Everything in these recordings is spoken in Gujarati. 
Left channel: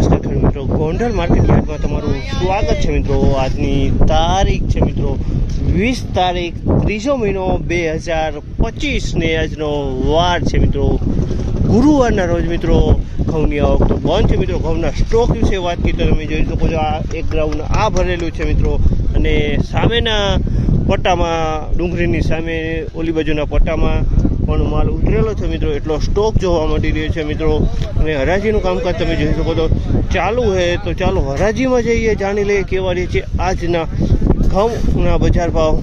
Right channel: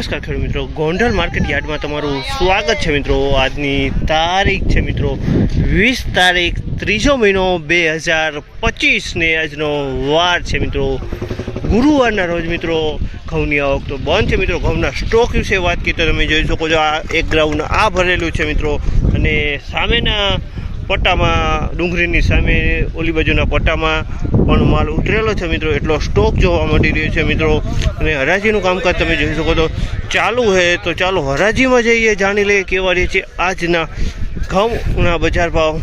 નમસ્કાર ખેડૂત મિત્રો. ગોંડલ માર્કેટ યાર્ડમાં તમારું સ્વાગત છે મિત્રો. આજની તારીખ છે મિત્રો વીસ તારીખ, ત્રીજો મહિનો બે હજાર પચીસને આજનો વાર છે મિત્રો. ગુરુવારના રોજ મિત્રો ઘઉંની આવક તો બંધ છે મિત્રો. ઘઉંના સ્ટોક વિશે વાત કરી તો તમે જોઈ શકો છો આ એક ગ્રાઉન્ડ આ ભરેલું છે મિત્રો. અને સામેના પટ્ટામાં ડુંગળીની સામે ઓલી બાજુના પટ્ટામાં પણ માલ ઉતરેલો છે મિત્રો. એટલો સ્ટોક જોવા મળી રહ્યો છે મિત્રો. અને હરાજીનું કામકાજ તમે જોઈ શકો તો ચાલુ છે તો ચાલો હરાજીમાં જઈએ. જાણી લઈએ કેવા રહે છે આજના ઘઉંના બજાર ભાવ.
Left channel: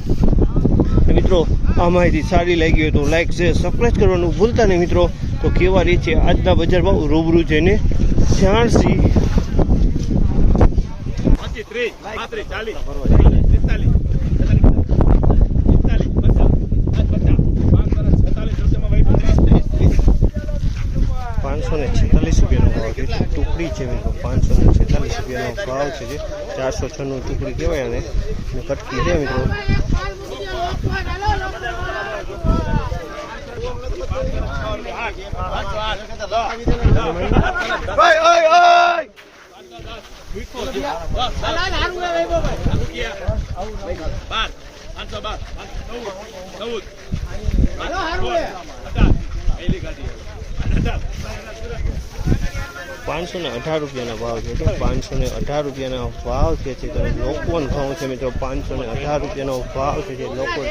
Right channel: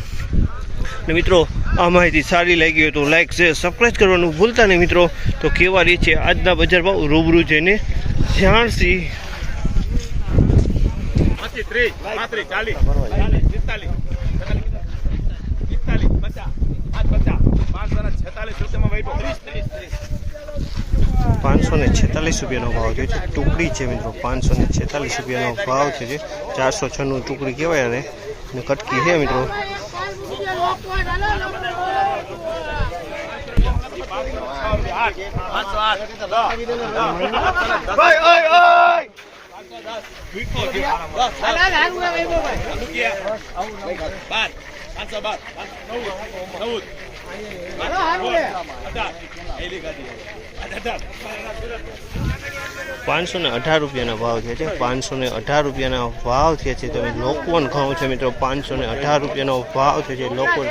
અને મિત્રો આ માહિતી સારી લાગી હોય તો લાઈક શેર સબસ્ક્રાઈબ કરવાનું ભૂલતા નહીં મિત્રો. તો કેવા રહે છે આજના બજાર ભાવ? રૂબરૂ જઈને જાણશી. ત્રીસ, ચાલીસ, પિસ્તાલીસ, પિસ્તાલીસ, પચાસ, પાંચ પચાસ, પાંચ સરસ, છેતાલીસ રૂપિયામાં વહી ત્રીસ, ત્રીસ, ત્રીસ. પાંચસો ને છેતાલીસ રૂપિયાનો ભાવ છે જે ટુકડી છે મિત્રો પાંચસો ને છેતાલીસ રૂપિયાનો ભાવ છે જે ચારસો છન્નું ટુકડી કહેવાય અને અને કટકી છે મિત્રો આઠ, પાંચસો આઠ, દસ, દસ. ઓય, ઓય, ઓય. બાર, પાંચસો બાર, પાંચસો ને અઢાર રૂપિયાના ભાવ છે. જે પાંચસો ને અઢાર રૂપિયાના ભાવ છે. જે તમે લોકવન ઘઉં છે મિત્રો, પાંચસો ને અઢાર રૂપિયાનો ભાવ છે. જે લોકો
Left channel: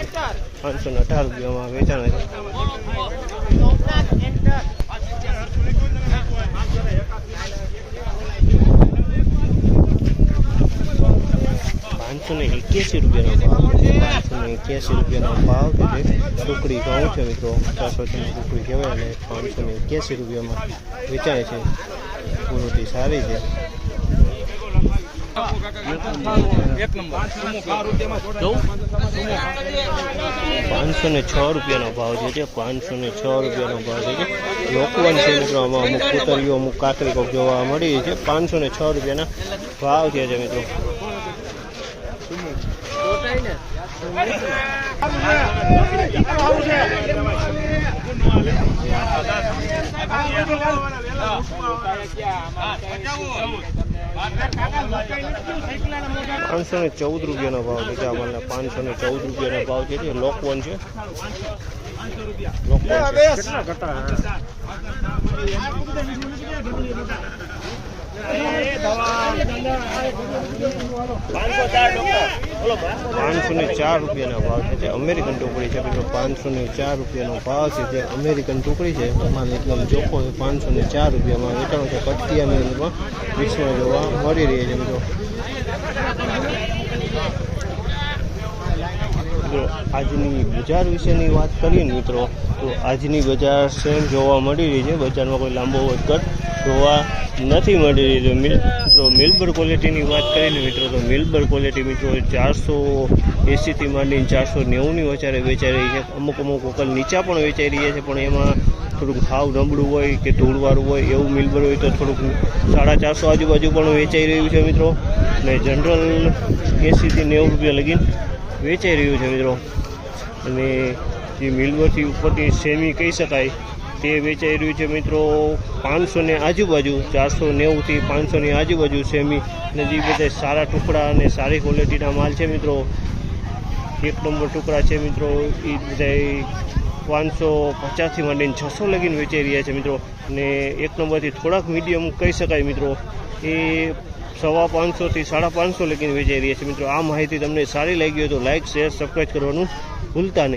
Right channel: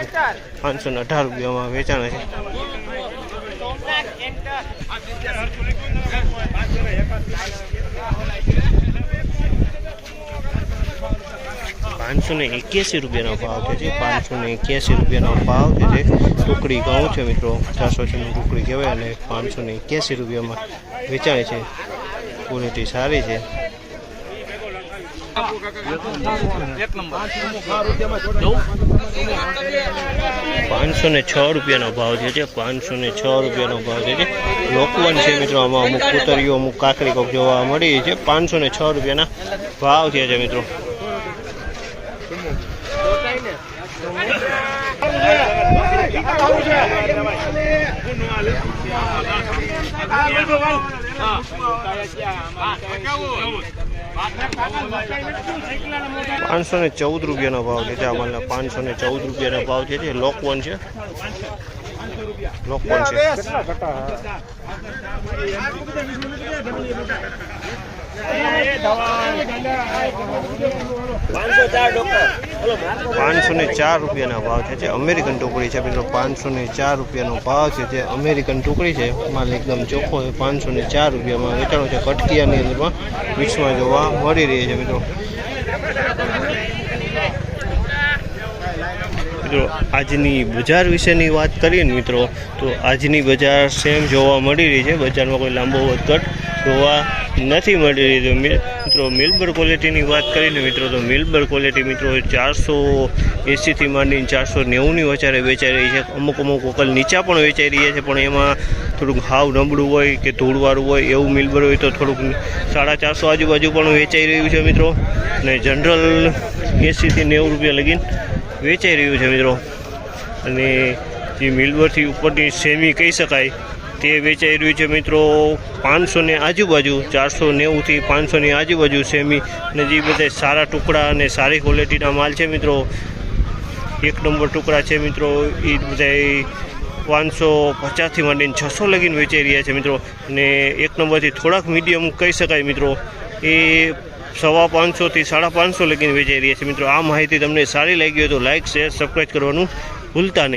પાંચસો ને અઢાર રૂપિયામાં વેચાણા છે પાંચસો ને એક્યાસી રૂપિયાનો ભાવ છે જે પાંચસો ને એક્યાસી રૂપિયાનો ભાવ છે જે ટુકડી ઘઉં છે મિત્રો ચારસો છની ટુકડી કહેવાય અને પાંચસો ને એક્યાસી રૂપિયામાં વેચાય છે ક્વોલિટી સારી છે પાંચસો ને છ રૂપિયાનો ભાવ છે જે પાંચસો ને છ રૂપિયાનો ભાવ છે જે લોકવન છે મિત્રો આમાં અમુક કુતરીઓ અમુક કાકડી કોક જોવા મળી છે પાંચસો ને છ રૂપિયાના ભાવ છે મિત્રો. પાંચસો ને ચૌદ રૂપિયાનો ભાવ છે. જે પાંચસો ને ચૌદ રૂપિયાનો ભાવ છે જે લોકવન છે. લોકવન છે. પાંચસો ને ચાર રૂપિયાના ભાવ છે જે અમેરિકન ટુકડી છે મિત્રો. પાંચસો ને ચાર રૂપિયાનો ભાવ છે જે અમેરિકન ટુકડી છે. માલ એકદમ ચોખ્ખો છે. પાંચસો ને ચાર રૂપિયામાં વેચાણો છે. કટકિયાની અંદરમાં મિક્સમાં જોવા મળી રહી છે મિત્રો. મિત્રો, આજની બજાર વિશેની વાત કરીએ ને મિત્રો, તો આજની બજાર સેમ જોવા મળી રહી છે. બજારમાં કોઈ લાંબો વધઘટ જોવા નથી મળી મિલ- મિત્રો મિલબર ક્વોલિટીની વાત કરીને, મિત્રો, તો મિલબર ક્વોલિટી મિત્રો ચારસો એંસીથી માંડીને ચારસો નેવુંની વચારે વેચાઈ રહી છે. અમુક અમુક વકલ નીચા પણ વેચાઈ રહ્યા છે, પણ એમાં થોડુંક હાવ નબળું હોય કે ધૂળવાળું હોય એવું મિલબર હોય તો થોડુંક સાડા ચારસો આજુબાજુ પણ વેચાઈ રહ્યું છે, મિત્રો. અને જનરલ એંસીથી નેવું રૂપિયા લગીને વેચાઈ રહ્યું છે, મિત્રો. અને જે મિલવરથી ઉપરની સેમી કહી શકાય તે વેચાઈ રહ્યું છે મિત્રો પાંચસોની આજુબાજુ ચારસો નેવુંથી પાંચસોની આજુબાજુ સેમી. અને જે બધા સારા ટુકડા અને સારી ક્વોલિટીના માલ છે મિત્રો. એક નંબર ટુકડા છે મિત્રો. એ બધા પાંચસો પચાસથી માંડીને છસો લગીને વેચાઈ રહ્યા છે મિત્રો. અને એક નંબરથી થોડાક મીડિયમ કહી શકાય મિત્રો. એ સવા પાંચસોથી સાડા પાંચસો લગીને વેચાઈ રહ્યા છે મિત્રો. આ માહિતી તમને સારી લાગી હોય તો લાઇક શેર, સબસ્ક્રાઈબ કરવાનું ભૂલતા નહીં.